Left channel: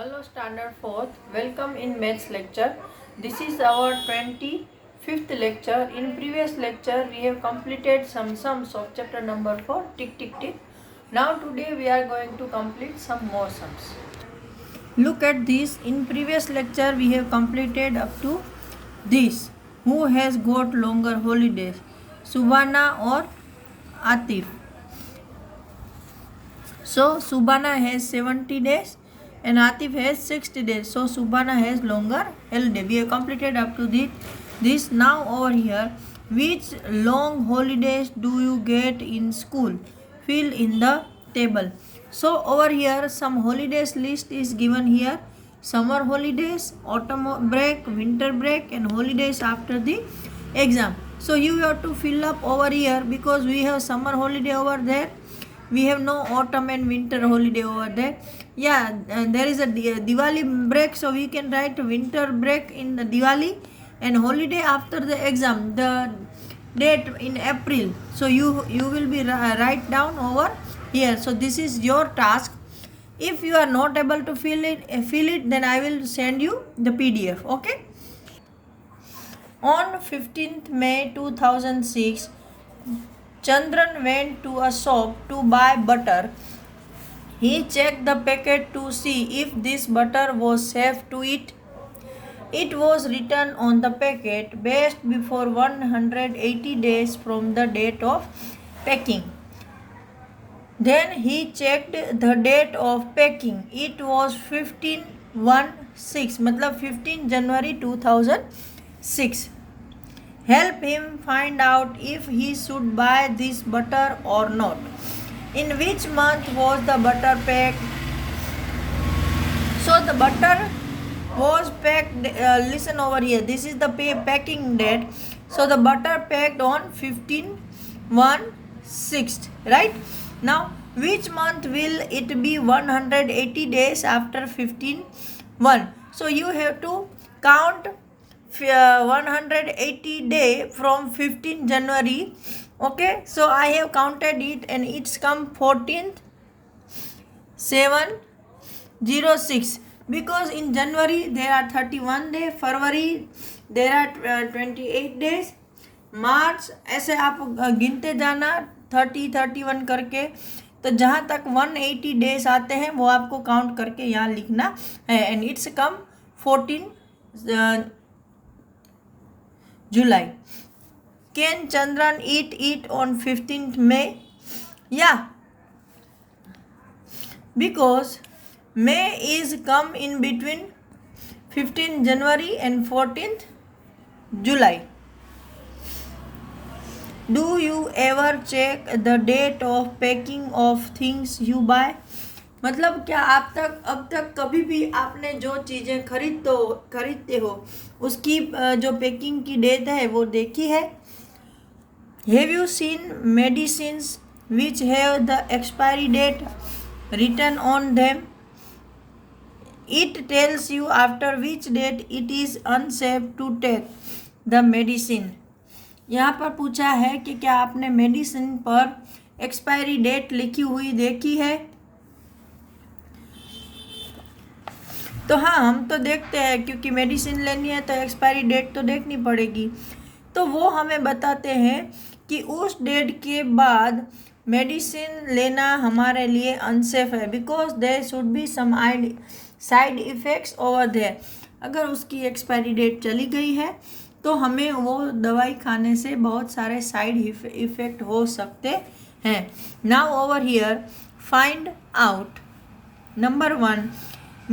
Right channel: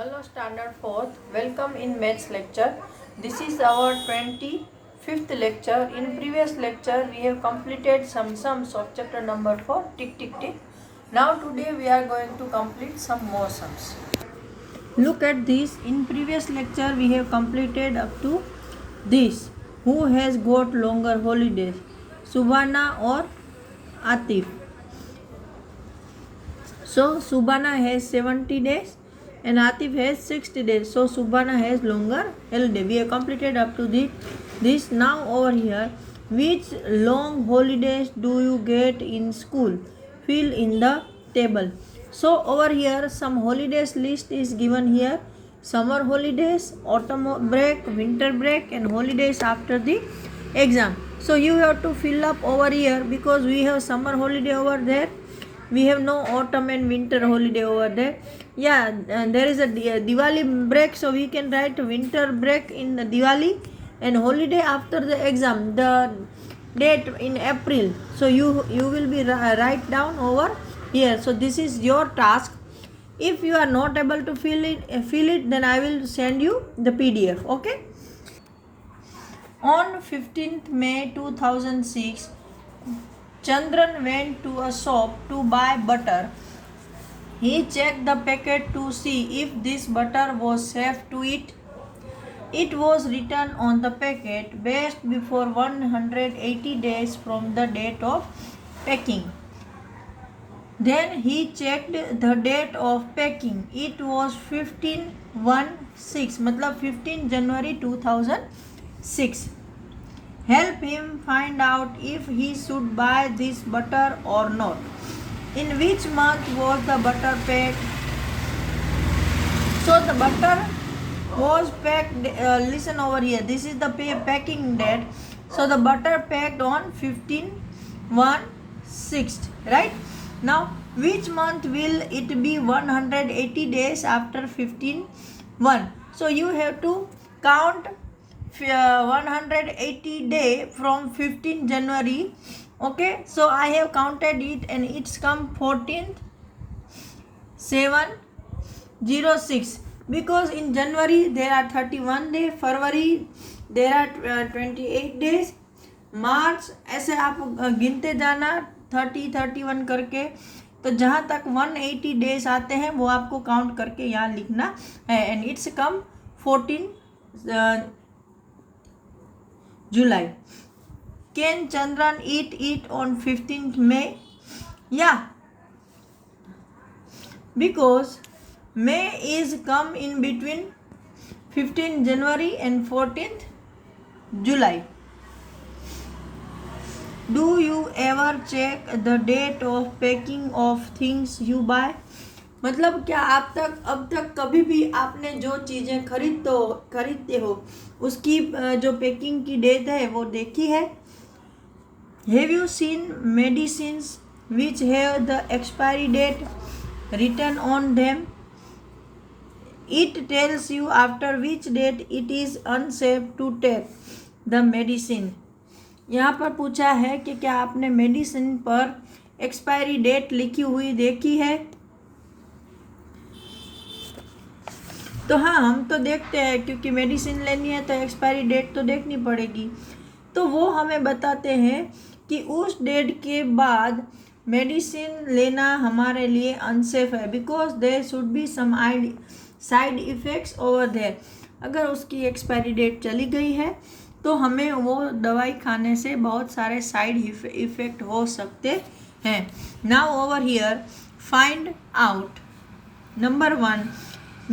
Hello Standard 4th, welcome in maths lecture. This is our 25th lecture. In previous lecture we have completed some sums of chapter number 4, tick tick tick. Now today we are going to complete some more sums. Look at this. In previous lecture we have completed up to this. Who has got longer holidays? Subhana or Atif? So Subhana has 70 days and Atif has 60 days. So Subhana has longer holiday. We have completed up to this. Now over here, which long holidays do you get in school? Fill in the table. So over here some holidays list is given here. Summer holidays, autumn break, winter break and holidays after the exam. So you have to fill up over here because we have summer holiday over there. We have no autumn and winter holiday over there. Yeah, there is a Diwali break, so we can write winter break in Diwali and holiday after the exam, the date in April. So you will be write down over here. So this is your task. If you are not able to fill it, then I will send you the PDF. Okay. On 15th May 2006, Chandran went to a shop to buy butter. He checked the packet to see if this butter was safe to eat. It was written on the packet best before 180 days from the date of packing. Then he checked the date of packing. It was 15/1/6 मतलब 15 January 2006. Help him find out if he should buy this butter or not. In which month was the butter packed? So the butter was packed, listen over here, this is the packing date. So the butter packed on 15/1/6, right? Now which month will it be 180 days after 15/1? So you have to count 180 day from 15 January. Okay, so I have counted it and it's come 14/7/06 because in January there are 31 days, February there are 28 days, मार्च ऐसे आप गिनते जाना 30-31 करके. तो जहाँ तक 180 days आते हैं वो आपको काउंट करके यहाँ लिखना है. And it's come 14 July. Can Chandran eat it on 15th May? Yeah. Because May is come in between 15th January and 14th July. Do you ever check the date of packing of things you buy? मतलब क्या आप अब तक कभी भी आपने जो चीज़ें खरीदते हो उसकी जो पैकिंग की डेट है वो देखी है? Have you seen medicines which have the expiry date written on them? It tells you after which date it is unsafe to take the medicine. यहाँ पर पूछा है कि क्या आपने मेडिसिन पर एक्सपायरी डेट लिखी हुई देखी है? तो हाँ, हम तो देखते हैं क्योंकि मेडिसिन लेनी है तो एक्सपायरी डेट तो देखनी पड़ेगी. तो वो हमें बताते हैं कि उस डेट के बाद मेडिसिन लेना हमारे लिए अनसेफ है because there should be some side effects over there. अगर उसकी एक्सपायरी डेट चली गई है तो हमें वो दवाई खाने से बहुत सारे साइड इफ़ेक्ट हो सकते हैं. Now over here find out. Number 1,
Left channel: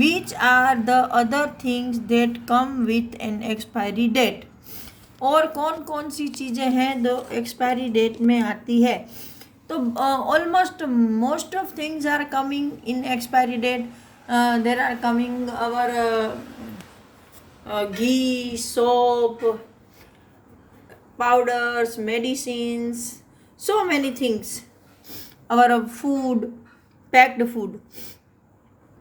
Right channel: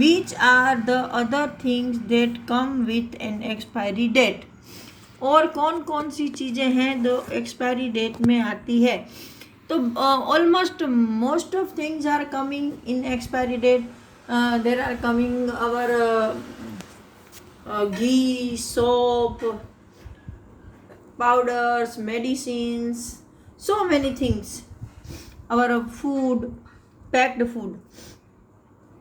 which are the other things that come with an expiry date? और कौन कौन सी चीज़ें हैं जो एक्सपायरी डेट में आती है? तो almost most of things are coming in expiry date. There are coming our ghee, soap, powders, medicines, so many things. Our food, packed food.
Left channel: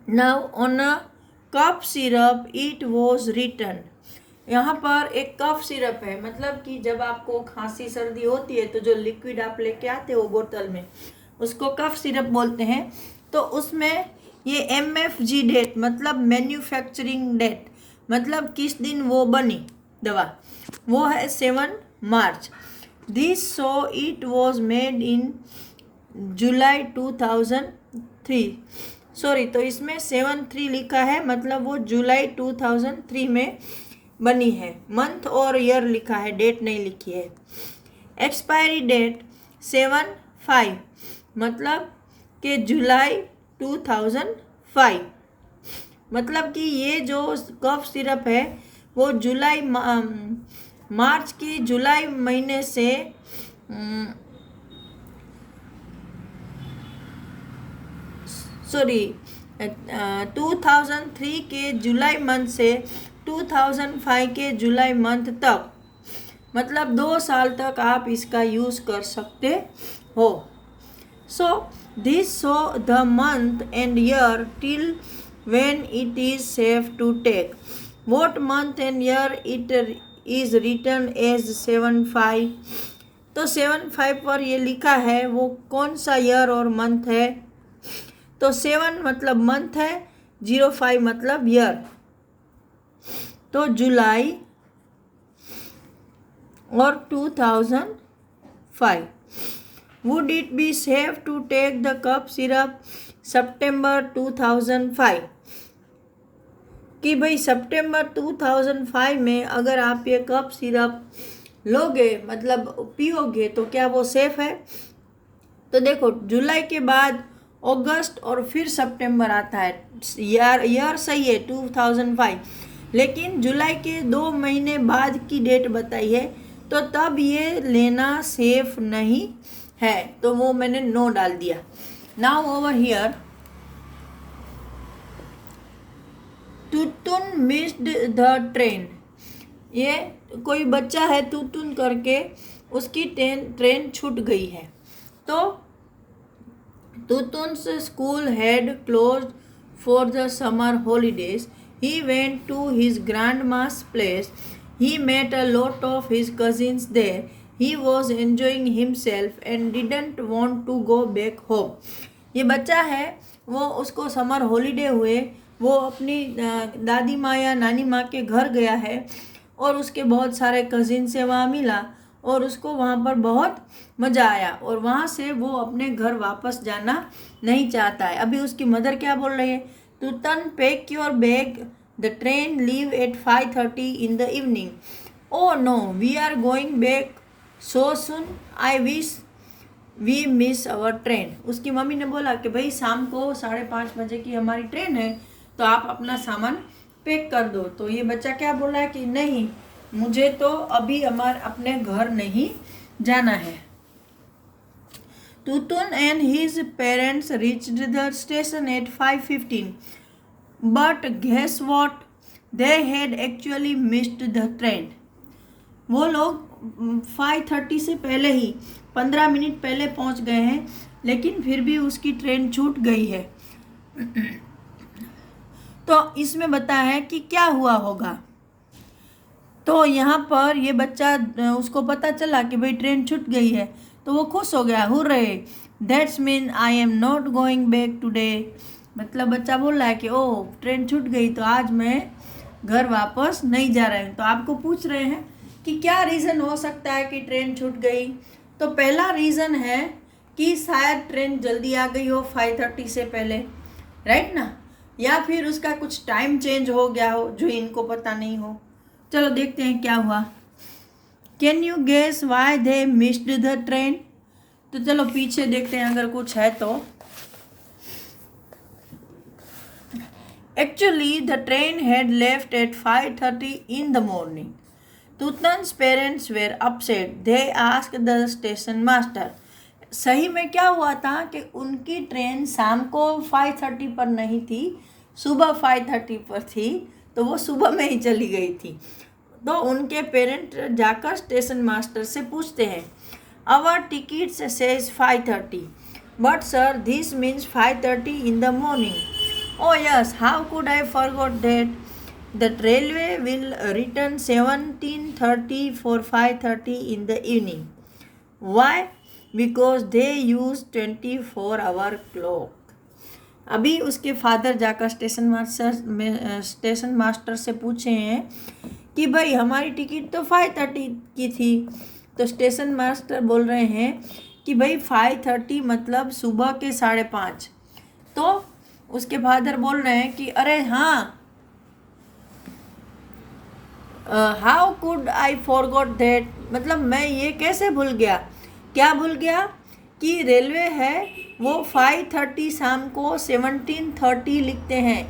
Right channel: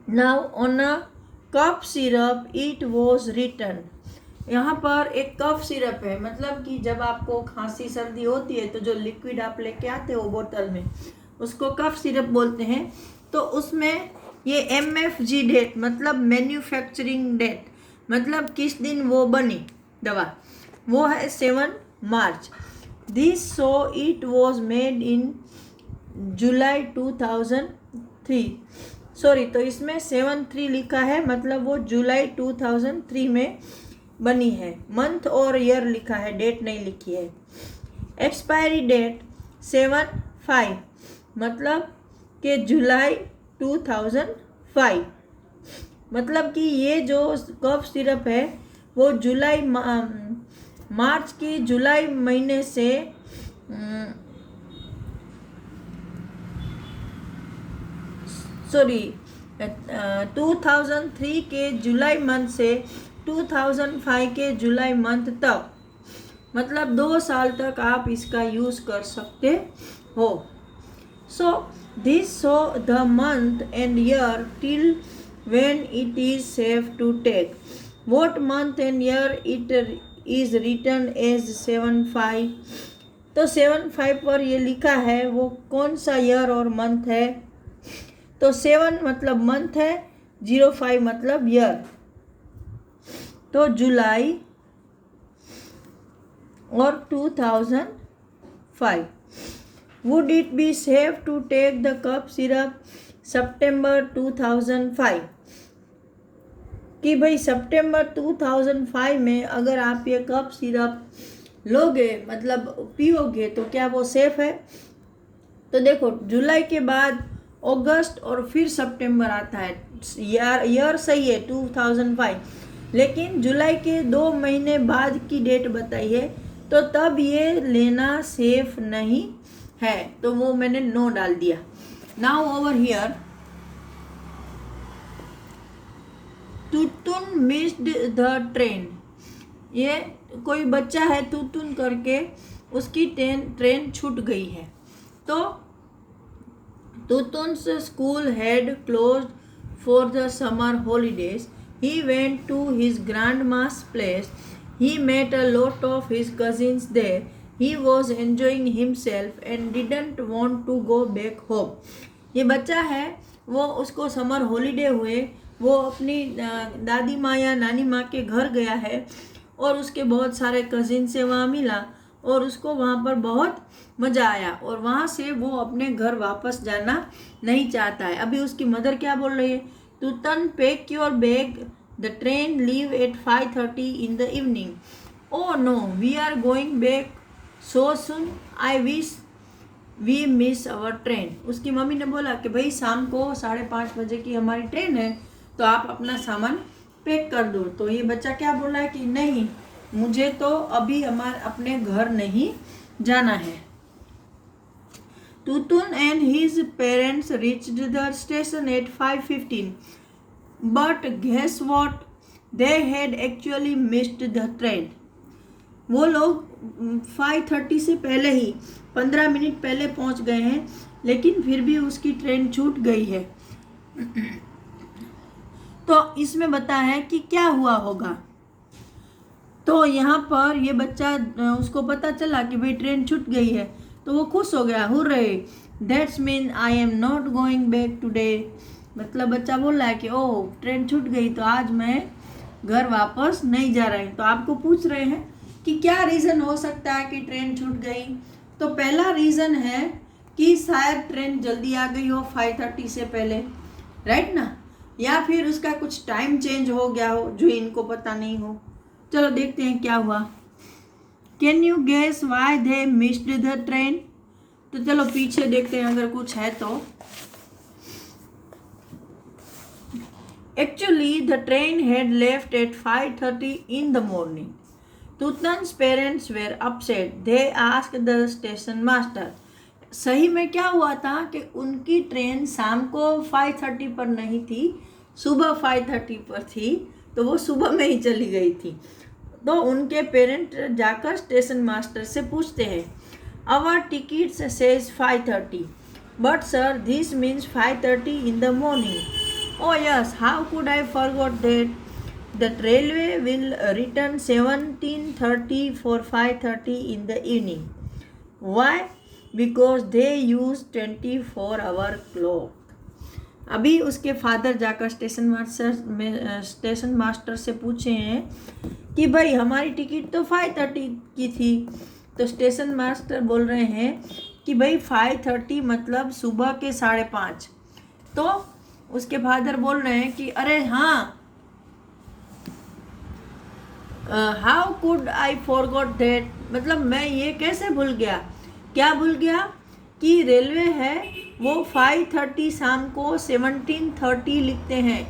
Now on a cup syrup it was written. यहाँ पर एक cough syrup है, मतलब कि जब आपको खांसी सर्दी होती है तो जो लिक्विड आप लेके आते हो बोतल में उसको कफ सिरप बोलते हैं. तो उसमें ये MFG डेट मतलब मैन्युफैक्चरिंग डेट, मतलब किस दिन वो बनी दवा, वो है 7 March. This so it was made in July 2003। Sorry, तो इसमें 7/3 लिखा है, मतलब वो जुलाई 2003 में बनी है। मंथ और ईयर लिखा है, डेट नहीं लिखी है। एक्सपायरी डेट 7/5, मतलब कि जुलाई 2005, मतलब कि ये जो कफ सिरप है वो मार्च की जुलाई महीने से सॉरी 2003 के जुलाई मंथ से 2005 के जुलाई मंथ तक, मतलब 2 साल तक आप इसका यूज़ कर सकते हो। So this show the month and year till when it is safe to take. What month and year it is written as 7/5? तो 7/5 पर ये लिखा है, वो कौन सा ईयर और मंथ है? तो 7 मतलब मंथ है, 05 मतलब ईयर, तो जुलाई और 2005। Would it be safe to take the cough syrup September 2005? कि भाई सितंबर 2005 में अगर आप ये कफ सिरप लोगे, मतलब पियोगे, तो क्या वो सेफ है? तो देखो, जुलाई के बाद अगस्त और फिर सितंबर आता है, ईयर सही है 2005, लेकिन जुलाई के 2 महीने बाद की डेट बताई है, तो तब ये लेना सेफ नहीं है, तो वो मैंने नो डाल दिया। Now over here, Tutun missed the train. ये कोई बच्चा है तुतुन करके, उसकी ट्रेन छूट गई है। तो Tutun's school had closed for the summer holidays. He went to his grandma's place. He met a lot of his cousins there. He was enjoying himself and didn't want to go back home. ये बच्चा है, वो उसको summer holiday हुए, वो अपनी दादी माँ या नानी माँ के घर गया है और उसके बहुत सारे कजिन से वहाँ मिला और उसको वहाँ पर बहुत मज़ा आया, और वहाँ से वो अपने घर वापस जाना नहीं चाहता है। अभी उसकी मदर क्या बोल रही है? Tutun pack your bag, the train leave at 5:30 in the evening. Oh no, we are going back so soon, I wish we miss our train. उसकी मम्मी ने बोला कि भाई शाम को 5:30 बजे की हमारी ट्रेन है, तो आप अपना सामान पैक कर दो। तो ये बच्चा क्या बोल रहा है कि नहीं, मुझे तो अभी अपने घर नहीं जाना है। Tutun and his parents reached the station at 5:15, but guess what, they had actually missed the train. वो लोग 5:30 से पहले ही 15 मिनट पहले पहुंच गए हैं, लेकिन फिर भी उसकी ट्रेन छूट गई है। तो इसमें बताया है कि क्या हुआ होगा। तो यहाँ पर ये बच्चा, उसको पता चला कि भाई ट्रेन छूट गई है, तो वो खुश हो गया, hurray, that's mean I am not going back today. मतलब बच्चा बोल रहा है कि ओह, ट्रेन छूट गई तो आज मैं घर वापस नहीं जा रहा हूँ। तो आपको पूछ रहे हैं कि क्या रीज़न हो सकता है कि ट्रेन छूट गई? तो पहला रीज़न है कि शायद ट्रेन जल्दी आ गई हो 5:30 से पहले, राइट ना, या फिर उसका कुछ टाइम चेंज हो गया हो जो इनको पता नहीं हो। चलो देखते हैं क्या हुआ। Can you guess why they missed the train? तो चलो पीछे देखते हैं अगर कुछ है तो। Actually the train had left at 5:30 in the morning. Tutun's parents were upset, they asked the station master. सही में क्या हुआ था कि उनकी ट्रेन शाम को 5:30 पर नहीं थी, सुबह 5:30 पर थी, तो वो सुबह में ही चली गई थी। तो उनके पेरेंट जाकर स्टेशन मास्टर से पूछते हैं, our tickets says 5:30, but sir this means 5:30 in the morning. Oh yes, how could I forgot that? The railway will return 17:30 for 5:30 in the evening. Why? Because they use 24-hour clock. अभी उसके father जाकर station master से पूछे हैं कि भाई हमारी ticket तो 5:30 की थी। तो स्टेशन मास्टर बोल रहे हैं कि भाई 5:30 मतलब सुबह के 5:30। तो उसके फादर बोल रहे हैं कि अरे हाँ, how could I forgot that, मतलब मैं ये कैसे भूल गया। क्या भूल गया कि रेलवे है वो 5:30 शाम को 17:30 लिखते हैं।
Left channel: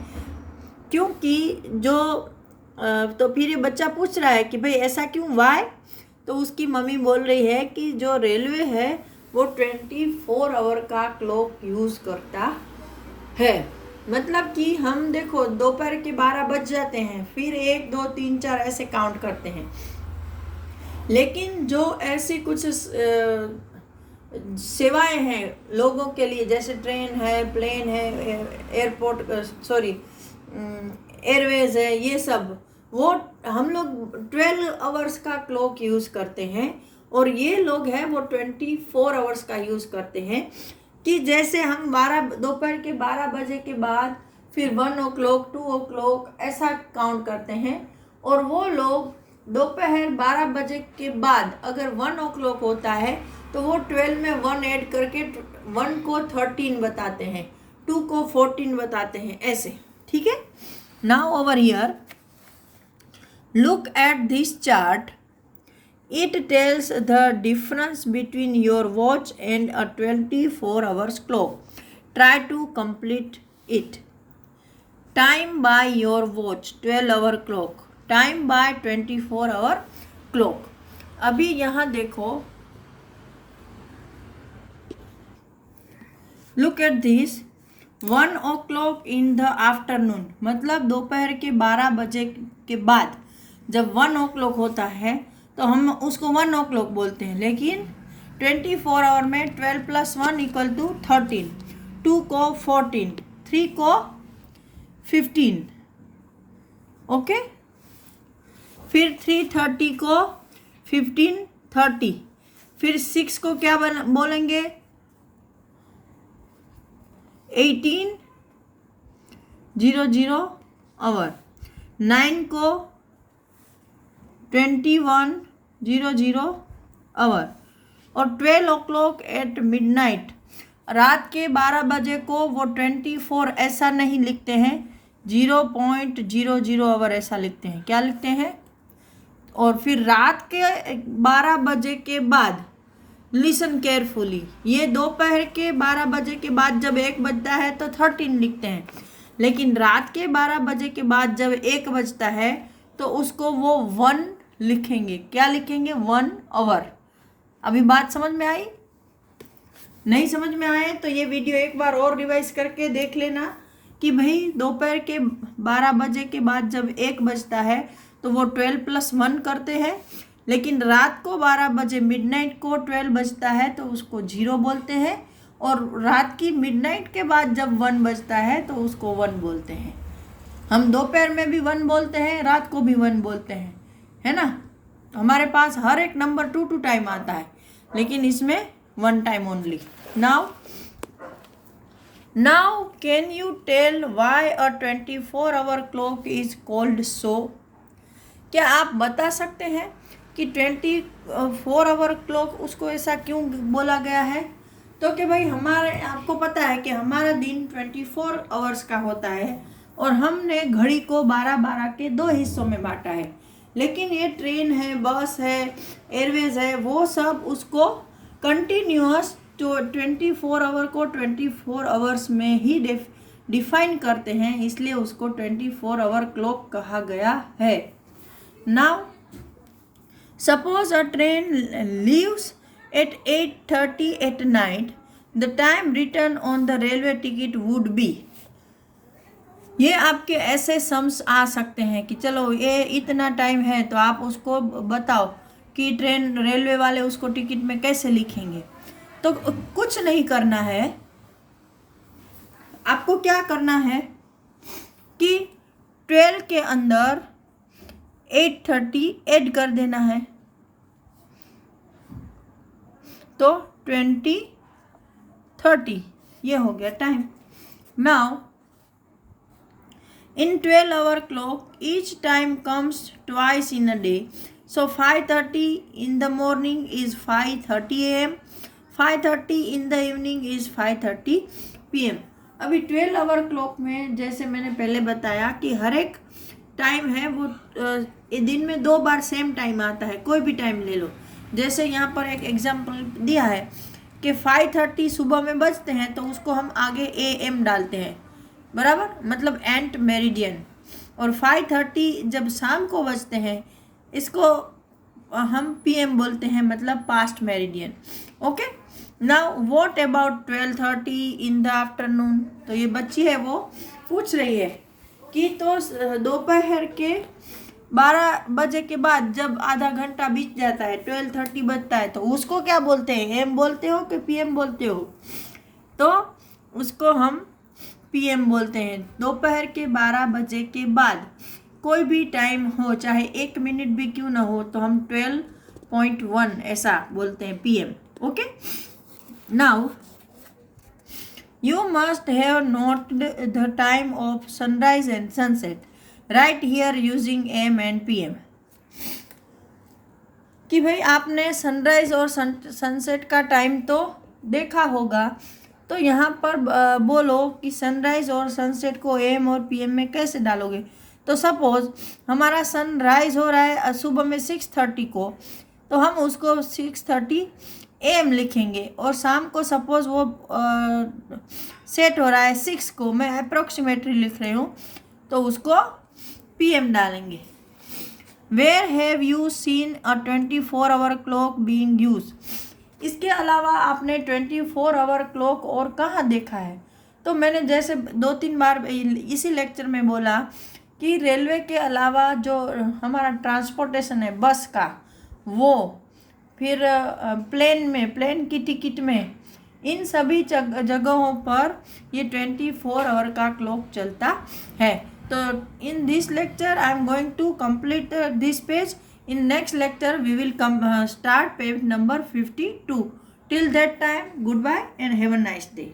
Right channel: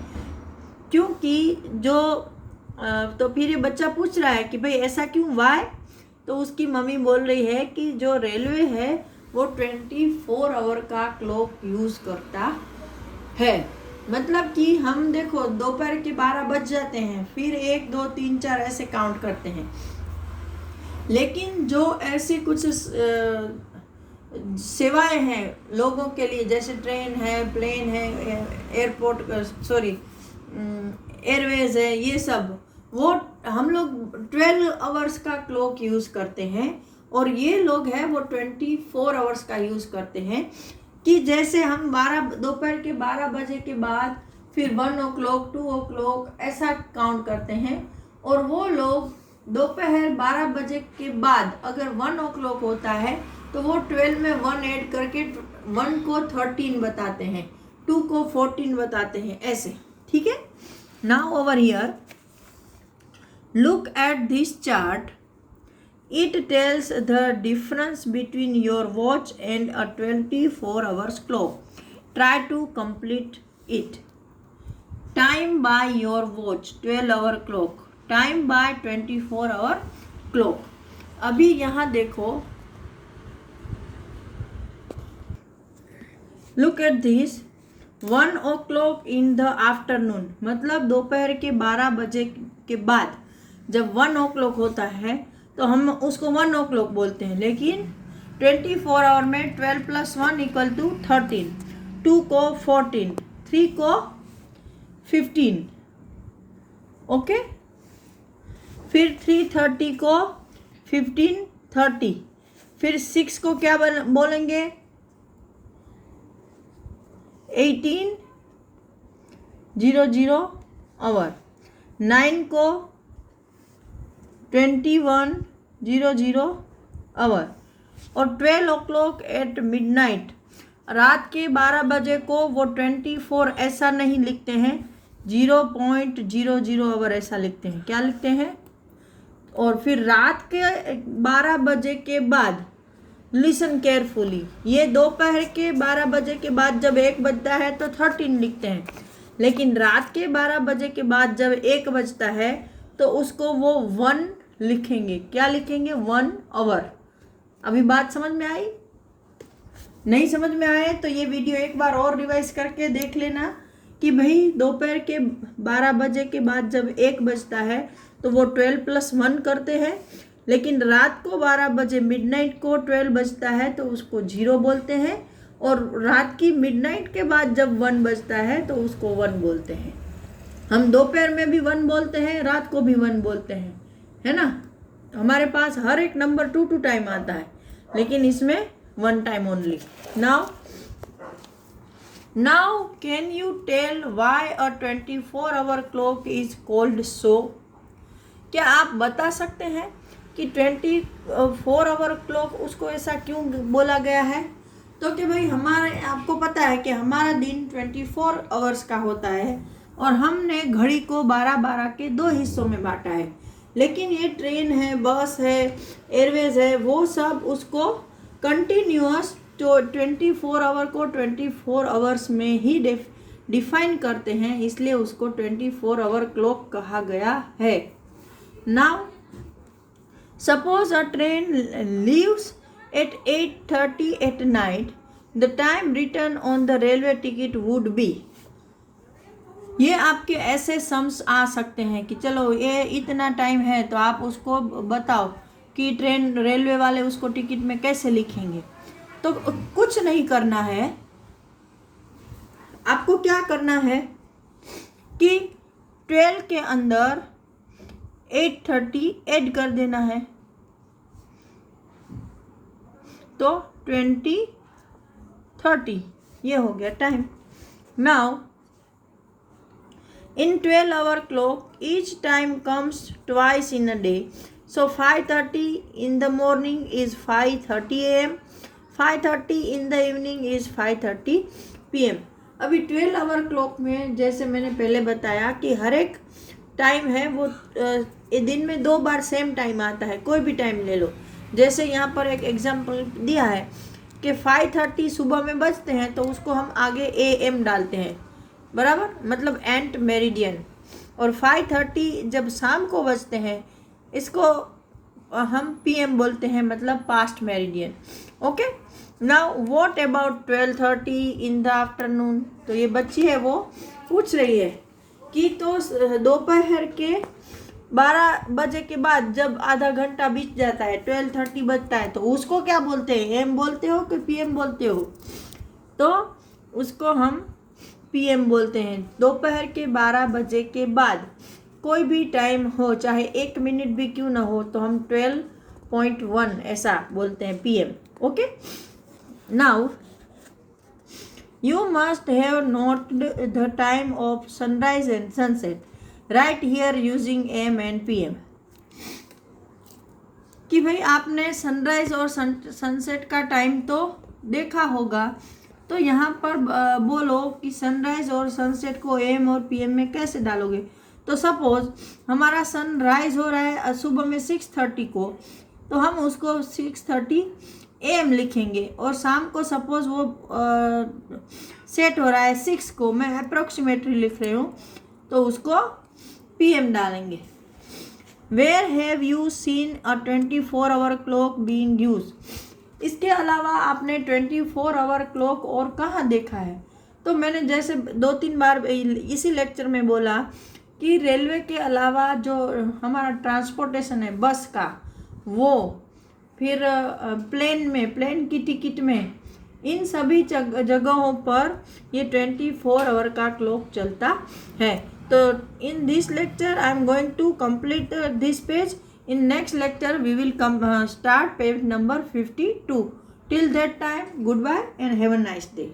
क्योंकि जो तो फिर ये बच्चा पूछ रहा है कि भाई ऐसा क्यों, वाई। तो उसकी मम्मी बोल रही है कि जो रेलवे है वो 24 आवर का क्लॉक यूज़ करता है। मतलब कि हम देखो दोपहर के 12 बज जाते हैं, फिर 1 2 3 4 ऐसे काउंट करते हैं। लेकिन जो ऐसी कुछ सेवाएं हैं लोगों के लिए, जैसे ट्रेन है, प्लेन है, एयरपोर्ट एयरवेज है, ये सब वो हम लोग 12 आवर्स का क्लॉक यूज़ करते हैं। और ये लोग हैं वो 24 आवर्स का यूज़ करते हैं। कि जैसे हम दोपहर के 12 बजे के बाद फिर 1 o'clock 2 o'clock ऐसा काउंट करते हैं। और वो लोग दोपहर 12 बजे के बाद अगर 1 o'clock होता है तो वो 12 में 1 ऐड करके 1 को 13 बताते हैं, 2 को 14 बताते हैं, ऐसे। ठीक है। Now over here look at this chart. It tells the difference between your watch and a 24 hours clock. Try to complete it. Time by your watch 12-hour clock. Time by 24-hour clock. अभी यहाँ देखो, look at this. 1 o'clock in the afternoon मतलब दोपहर के 12 बजे के बाद जब 1 o'clock होता है तो हम उसको 1 o'clock बोलते हैं। लेकिन 24 आवर में 12 + 1 = 13, 2 को 14, 3 को 15, ओके। फिर 3:30 को 15:30, फिर 6 को क्या बोलेंगे 18:00 आवर, 9 को 21:00 आवर, और 12 o'clock एट मिडनाइट रात के 12 बजे को वो 24 ऐसा नहीं लिखते हैं, 0.00 आवर ऐसा लिखते हैं। क्या लिखते हैं? और फिर रात के 12 बजे के बाद, लिसन केयरफुली, ये दोपहर के 12 बजे के बाद जब 1 बजता है तो 13 लिखते हैं। लेकिन रात के 12 बजे के बाद जब 1 बजता है तो उसको वो 1 लिखेंगे। क्या लिखेंगे? 1 आवर। अभी बात समझ में आई? नहीं समझ में आए तो ये वीडियो एक बार और रिवाइज करके देख लेना कि भाई दोपहर के 12 बजे के बाद जब 1 बजता है तो वो 12 + 1 करते हैं। लेकिन रात को 12 बजे मिडनाइट को 12 बजता है तो उसको 0 बोलते हैं। और रात की मिडनाइट के बाद जब 1 बजता है तो उसको 1 बोलते हैं। हम दोपहर में भी 1 बोलते हैं, रात को भी 1 बोलते हैं, है ना। हमारे पास हर एक नंबर 2 टाइम आता है, लेकिन इसमें 1 time only. Now can you tell why a 24-hour clock is called so? क्या आप बता सकते हैं कि 24-hour क्लॉक उसको ऐसा क्यों बोला गया है? तो कि भाई आपको पता है कि हमारा दिन 24 आवर्स का होता है और हमने घड़ी को 12-12 के 2 हिस्सों में बांटा है। लेकिन ये ट्रेन है, बस है, एयरवेज है, वो सब उसको कंटिन्यूअस 24 आवर को 24 आवर्स में ही डिफाइन करते हैं, इसलिए उसको 24-hour क्लॉक कहा गया है। Now suppose a train leaves at 8:30 at night, the time written on the railway ticket would be। ये आपके ऐसे सम्स आ सकते हैं कि चलो ये इतना टाइम है तो आप उसको बताओ कि रेलवे वाले उसको टिकट में कैसे लिखेंगे। तो कुछ नहीं करना है, आपको क्या करना है कि 12 के अंदर 8:30 ऐड कर देना है, तो 20:30 ये हो गया time. Now, in 12-hour clock, each time comes twice in a day. So 5:30 in the morning is 5:30 a.m. 5:30 in the evening is 5:30 p.m. अभी 12-hour क्लॉक में जैसे मैंने पहले बताया कि हर एक टाइम है वो दिन में 2 बार सेम टाइम आता है, कोई भी टाइम ले लो। जैसे यहाँ पर एक एग्जांपल दिया है कि 5:30 सुबह में बजते हैं तो उसको हम आगे AM डालते हैं, बराबर, मतलब एंट मेरिडियन। और 5:30 जब शाम को बजते हैं इसको हम PM बोलते हैं, मतलब past meridian. Okay, now what about 12:30 in the afternoon. तो ये बच्ची है वो पूछ रही है कि तो दोपहर के 12 बजे के बाद जब आधा घंटा बीत जाता है, 12:30 बजता है, तो उसको क्या बोलते हैं, AM बोलते हो कि PM बोलते हो। तो उसको हम PM बोलते हैं। दोपहर के 12 बजे के बाद कोई भी टाइम हो, चाहे 1 मिनट भी क्यों ना हो, तो हम 12.1 ऐसा बोलते हैं, PM। Okay, now you must have note the time of sunrise and sunset, right here using AM and PM। कि भाई आपने सनराइज और सनसेट का टाइम तो देखा होगा, तो यहाँ पर बोलो कि सनराइज और सनसेट को AM और PM में कैसे डालोगे। तो सपोज हमारा सनराइज हो रहा है सुबह में 6:30 को, तो हम उसको 6:30 AM लिखेंगे, और शाम को सपोज वो सेट हो रहा है 6 को, मैं अप्रोक्सीमेटली लिख रही हूँ, तो उसको PM डालेंगे। Where have you seen a 24-hour clock being use. इसके अलावा आपने 24-hour क्लॉक और कहाँ देखा है। तो मैंने जैसे 2-3 बार इसी लेक्चर में बोला कि रेलवे के अलावा जो हमारा ट्रांसपोर्टेशन है बस का, वो फिर प्लेन की टिकट में, इन सभी जगहों पर ये 24-hour का क्लॉक चलता है। तो in this lecture I am going to complete this page. In next lecture we will start page number 52. Till that time, goodbye and have a nice day.